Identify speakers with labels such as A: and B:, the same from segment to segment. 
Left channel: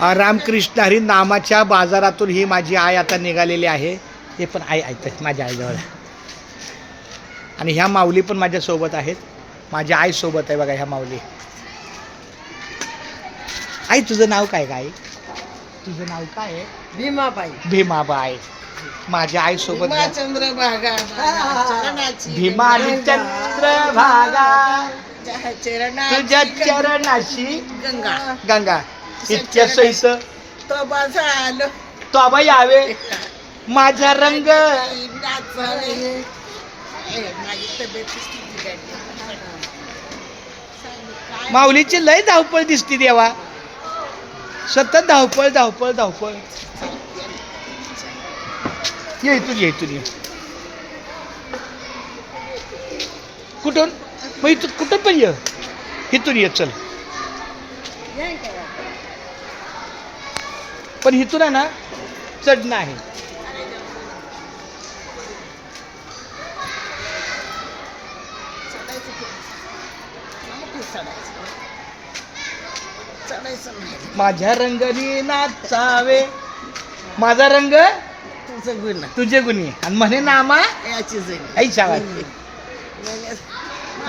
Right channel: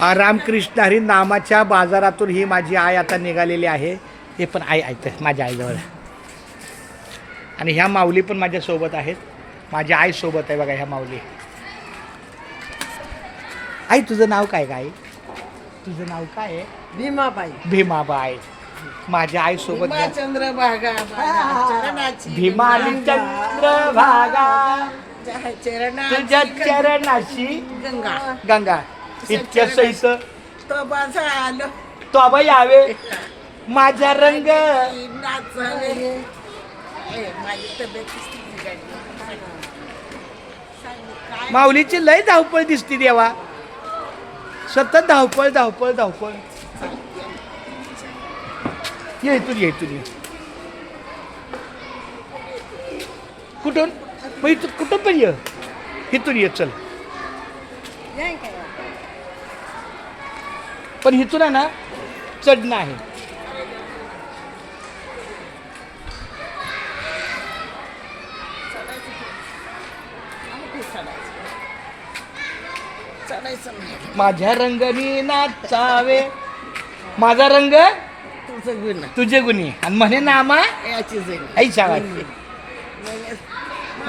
A: रामकृष्ण हरी नामाच्या बाजारातून ही माझी आई आता निघालेली आहे. हे पण आई ऐकतं माझ्या आईजवळ. आणि ह्या माऊली पण माझ्यासोबत आहेत. माझ्या आईसोबत आहे बघा ह्या माऊली. आई तुझं नाव काय काय तुझं नाव काय आहे?
B: भीमाबाई.
A: भीमाबाई. माझ्या आईसोबत
B: भीमा चंद्रभागा.
A: भीमा आणि. चंद्रभागा.
B: तुझ्या
A: चरणाशी
B: गंगा.
A: गंगा. इतक्या सहित
B: तो माझा आलो.
A: यावे. माझा रंग.
B: नाचावे. ए, माझी तब्येत किती बिघडली. सांग काय
A: माऊलीची लय धावपळ दिसती देवा. सतत धावपळ धावपळ धावपळ. ये इथून ये इथून ये. कुठून? मग इथून कुठं पण ये. इथून ये चल? पण इथून आहे ना चढणं आहे माझ्या रंगाने नाचावे. माझा रंग?
B: तुझं गुणी.
A: आणि म्हणे नामा?
B: याची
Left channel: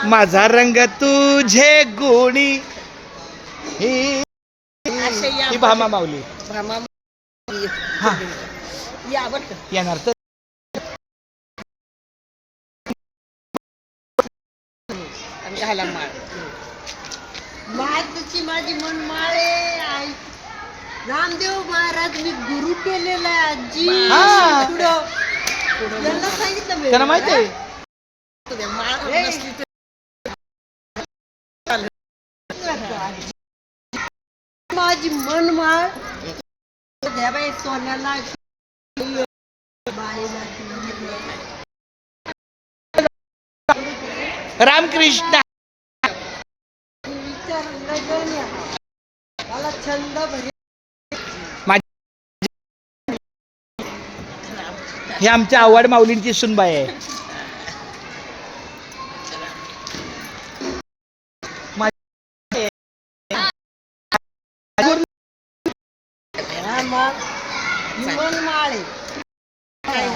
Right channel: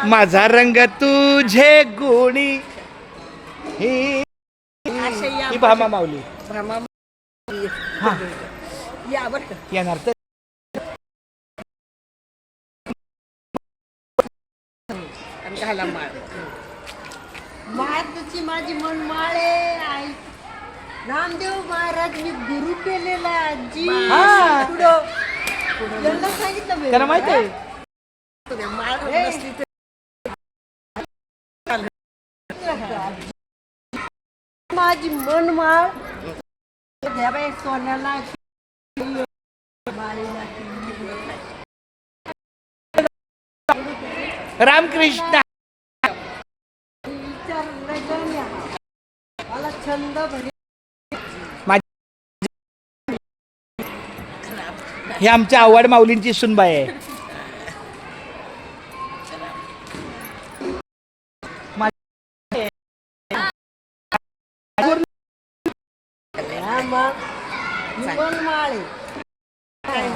A: माझा रंग तुझे गुणी. ही ही भामा माऊली.
B: भामा
A: हा.
B: या बरं. का
A: येणार तर.
B: आणि घाला माळ.
C: महाराजची माझी मन माळे आई. रामदेव महाराज मी गुरु केलेला आहे आजी.
A: हा.
C: पुढं. सांगितलं मी.
A: त्यांना माहिती आहे.
B: तुझ्या माळ
C: ए.
B: नसली तर
C: माझी मन माळ घ्या बाई सोन्याला
A: रामकृष्ण.
C: मला छंद भरी.
A: हे आमच्या आवड माऊलींची सुनबाई आहे.
C: मन माळ आहे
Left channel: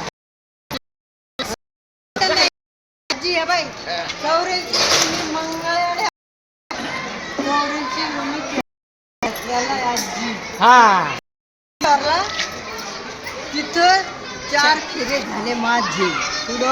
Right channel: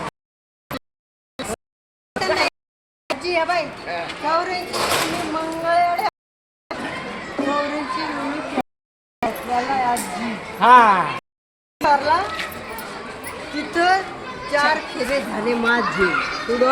C: आजी आहे बाई चौऱ्याऐंशी मंगळ चौऱ्याऐंशी आजी
A: हा
C: तिथं चार खिरे झाले माझे पुढे